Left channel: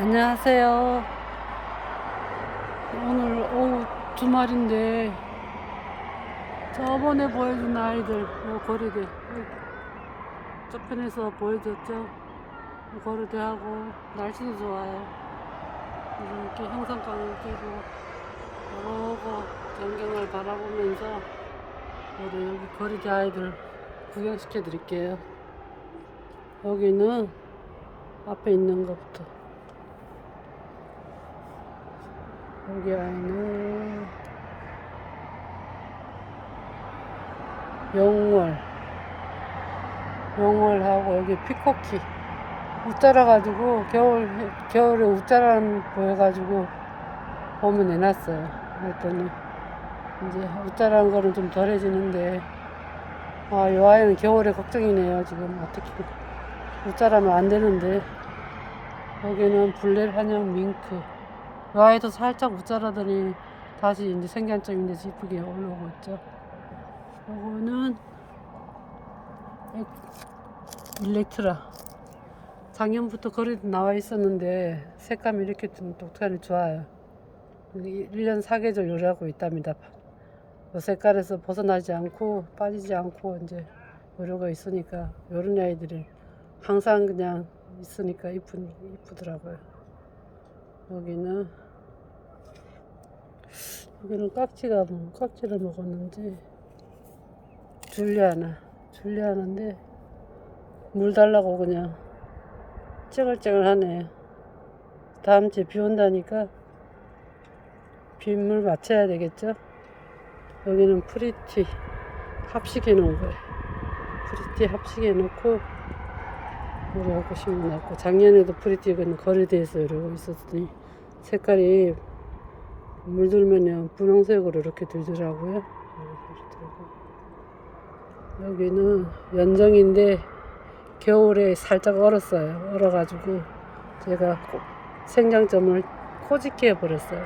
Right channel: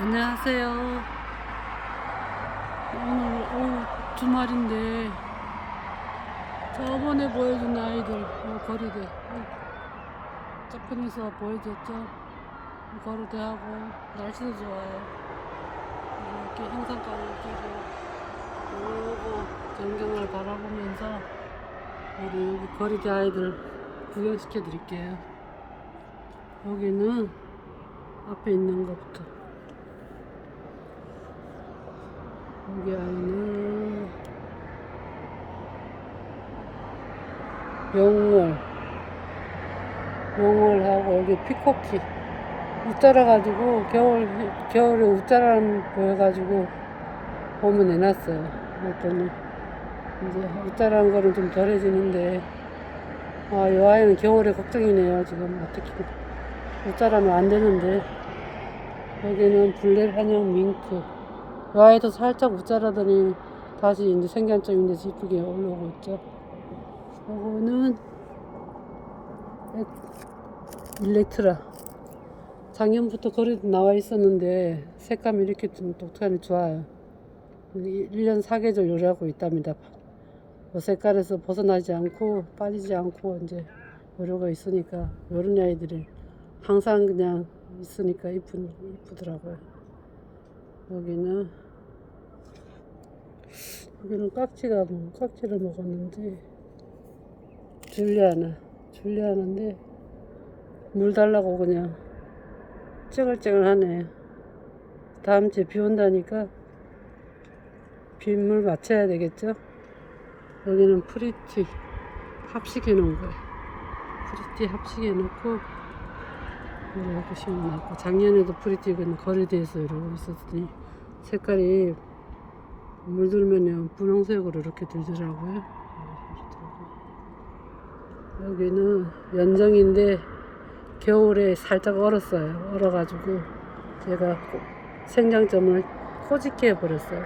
안녕하세요. 오늘 오후 주말인데 저번에 보여준 아이들 요 거리대 저편에서 보여줬죠. 요 거리대하고 날씨도 좋아요. 이렇게 형상감을 띄고 이러고 전경을 바라보면서 바로 여기 거리대 아이들 구경시켜 드릴게요. 여기는 앞에 있는 것부터 여기 안에는 용월. 용월하고 여기 피코키. 웃자라 가지고 겨울 겨울에 웃자라는 보여가지고 봄에 내놨어요. 그랬더니 이제 웃자라는 거는 좀 덜해지는데. 아이 아이는 겨울에 걱정이네요 지금. 어떻게 웃자라면 안 되는데. 여기는 블랙 한영 밍크 이 아이도 살짝 웃자라더니 다시 이제 생장점인데 이쁘게 올라오고 있죠. 이거는 엑- 일렉트라. 작년부터 거리도 나와 있었는데 색감이 이렇게 좀 독특하니 좋아요. 1년 사계절 요리하고 있답니다. 이 색깔에서 벗어나지 않고 빠지지 않고 이제 요리가 있으니까 요런 아이들이 항상 그냥 있으니까 이쁘더라고요. 여기는 여기는 깍지가 뭐 깍지를 먹었는지 줄리아나 줄리아나인데 물 달라고 그냥 쨍글쨍글 하네요. 다음 주에 비 온다니까 빗물 맞춰야 되겠죠? 여기는 프리티 합식해 놓은 거예요. 프리티 합식해 놓고 이렇게 심어놨고 작년에도 프리티는 거리대에서 이러고 있었더니 색깔이 물들면은 분홍색으로 이렇게 들더라고요. 여기는 연정인데 겨울에 살짝 얼었어요. 얼어가지고 제가 생장점을 꼬집게 해버렸어요.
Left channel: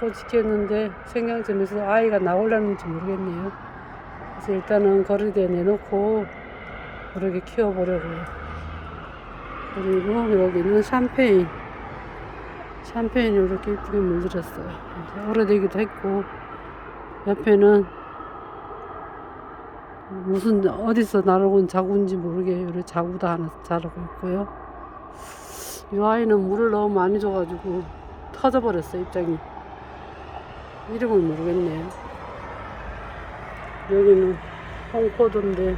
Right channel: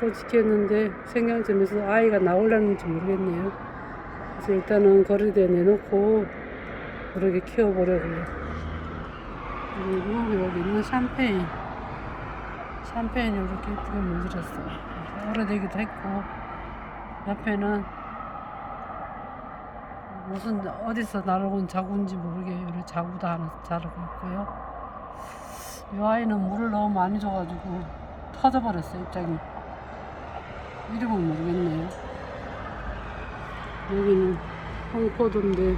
꼬집게 했는데 생장점에서 아이가 나올라는지 모르겠네요. 그래서 일단은 거리대에 내놓고 이렇게 키워보려고요. 그리고 여기는 샴페인 샴페인을 이렇게 예쁘게 물들였어요. 오래되기도 했고 옆에는 무슨 어디서 날아온 자구인지 모르게 이렇게 자구도 하나 자라고 있고요. 이 아이는 물을 너무 많이 줘가지고 터져버렸어요 입장이. 이름을 모르겠네요. 여기는 홍포도인데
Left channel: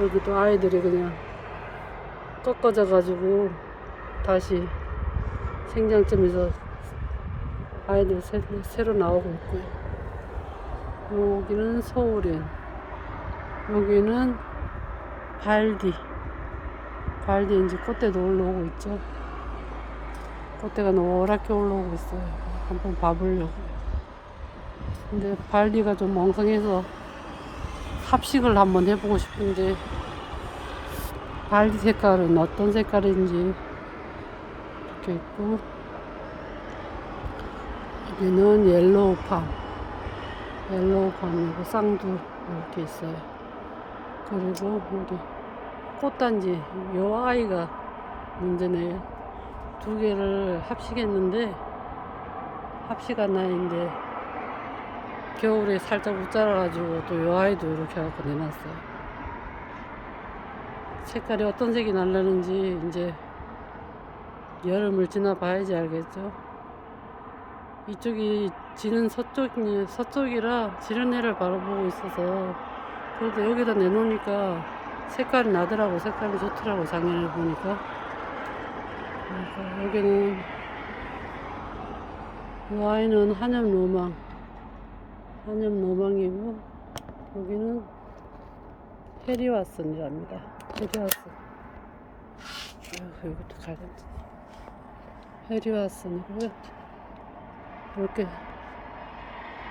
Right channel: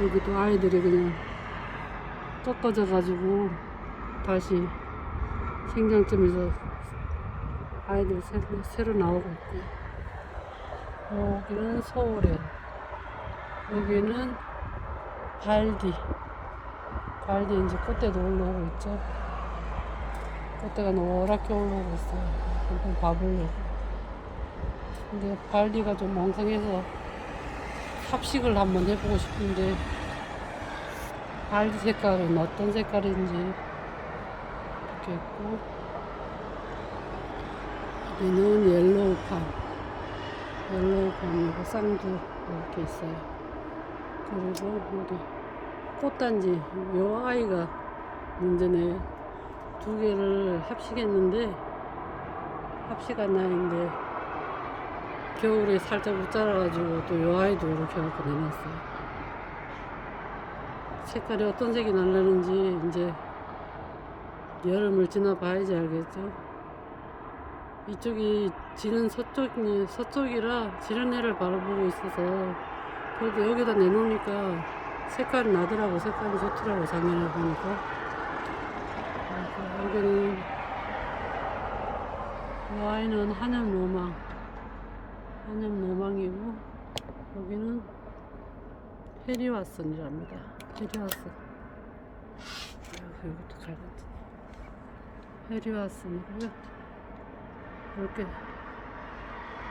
여기도 아이들이 그냥 꺾어져 가지고 다시 생장점에서 아이들 새, 새로 나오고 있고요. 여기는 소울엔 여기는 발디 발디 이제 꽃대도 올라오고 있죠. 꽃대가 노랗게 올라오고 있어요. 한번 봐보려고. 근데 발디가 좀 멍성해서 합식을 한번 해보고 싶은데 발디 색깔은 어떤 색깔인지 이렇게 있고 여기는 옐로우 팜 옐로우 팜이고 쌍두 이렇게 있어요. 그리고 여기 꽃단지 요 아이가 문제네요. 두 개를 합식했는데 합식한 아이인데 겨울에 살짝 웃자라 가지고 또 요 아이도 이렇게 해갖고 내놨어요. 색깔이 어떤 색이 날라는지 이제 여름을 지나 봐야지 알겠죠. 이쪽이 지는 서쪽이 서쪽이라 지는 해를 바라보고 있어서 그래도 여기다 내놓으니까 색깔이 나더라고. 색깔이 좋더라고 작년에 보니까. 그러니까 여기는 이 아이는 한엽 로망 한엽 로망이고 여기는 페리와슨이랍니다. 페리와슨. 어, 이것도 가겠 지 페리와슨이고요. 이렇게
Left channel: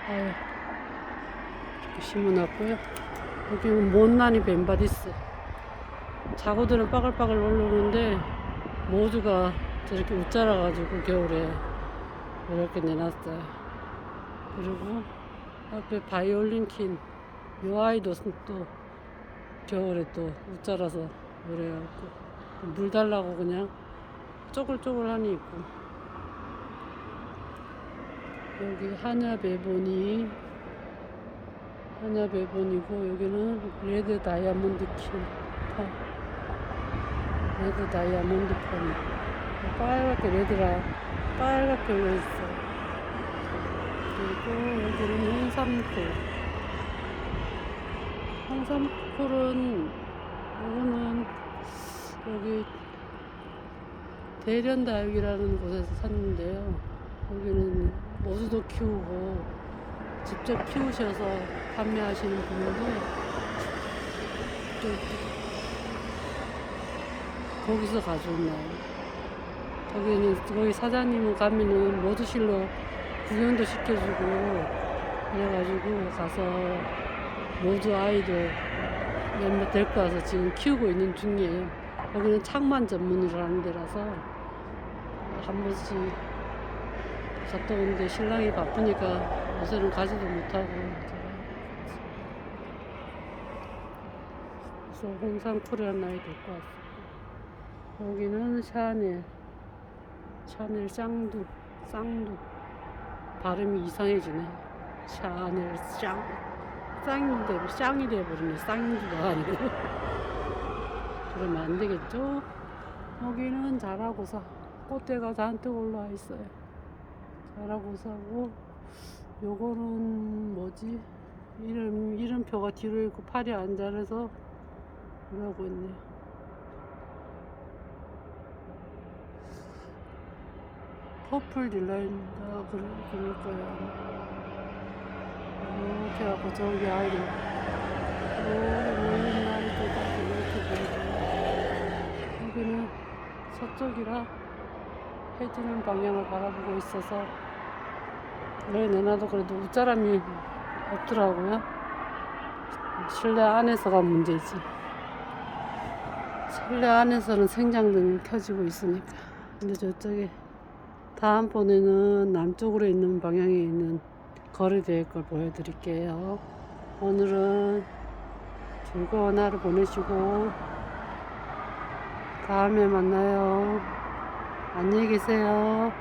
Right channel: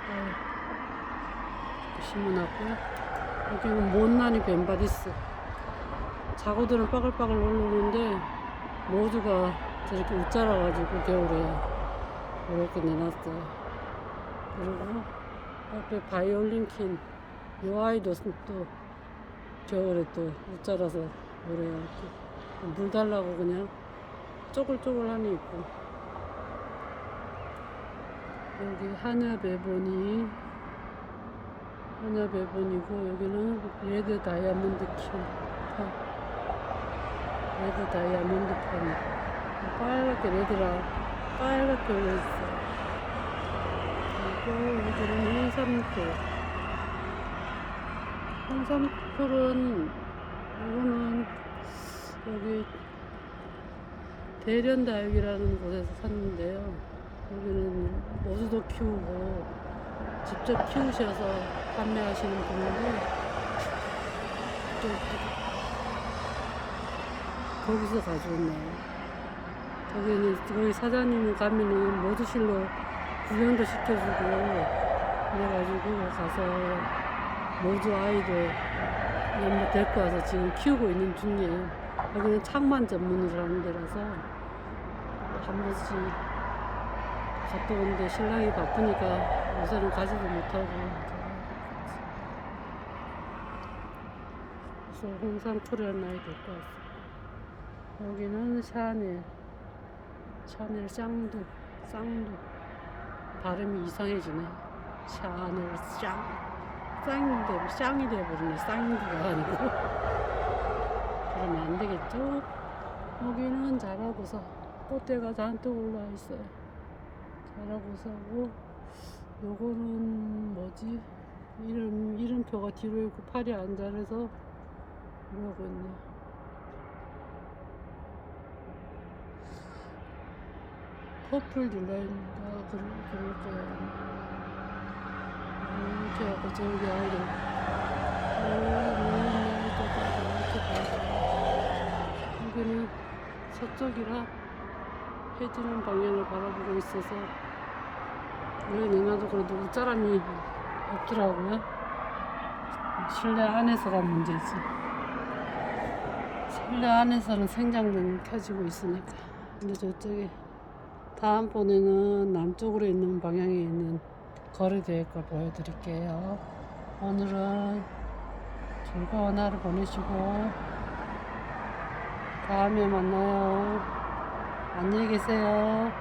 아유 이렇게 심어놨고요. 여기는 못난이 벤바디스. 자구들은 빠글빠글 올라오는데 모두가 저렇게 웃자라 가지고 겨울에 이렇게 내놨어요. 그리고 앞에 바이올린 킨이 아이도 또 겨울에 또 웃자라서 노래하고 물 달라고 그냥 쪼글쪼글하니 있고. 여기 한야 베보니 한야 베보니고 여기는 레드 다이아몬드 킹파. 레드 다이아몬드 팜이 빨갛게 레드가 빨갛게 올려 있어요. 그리고 여기는 홍삼풀 홍삼풀은 이거는 여기 대련다육이라는 곳에서 샀는데요. 여기는 모두도 키우고 직접 키우셔서 판매하시는 분인데 또 거기서 가져오네요. 거기는 거기 사장님은 가면은 모두실로 구경도 시켜주고 그래가지고 가서 모두 아이들 몇몇 데리고 와서 지금 키우고 있는 중이에요. 거기는 창만 전문으로 하는 데라서 한 번씩 갔다 오는데 신랑이 바쁘니까 요새는 가지도 못하고 그래서 홍상쿨이라는 아이 데리고 왔어요. 여기는 샤넬 샤넬 쌍두 쌍두 발음이 이상해지네. 샤넬 쌍 쌍이 돼 쌍이 돼버리네. 쌍두가 아니고. 그러면 안 되겠죠? 여기는 자라고사 꽃대가 잔뜩 올라와 있어요. 자라고사고 요거는 뭐지? 이름 이름표가 뒤로 있고 팔이 안 자라서 이러고 있네요. 퍼플 딜라인가 그럴, 그럴 거예요. 이렇게 하고 저기 아이들 여기 모인 아이들도 이렇게 보여줘요. 여기는 서쪽이라 해지는 방향을 바라보고 있어서 왜 내놔도 그래도 웃자람이 없더라고요. 실내 안에서가 문제지. 실내 안에서는 생장등이 켜지고 있으니까. 근데 저쪽에 다음번에는 남쪽으로 있는 방향에 있는 거리대의 걸 보여드릴게요. 오늘은 즐거운 하루 보내시고 다음에 만나요. 안녕히 계세요.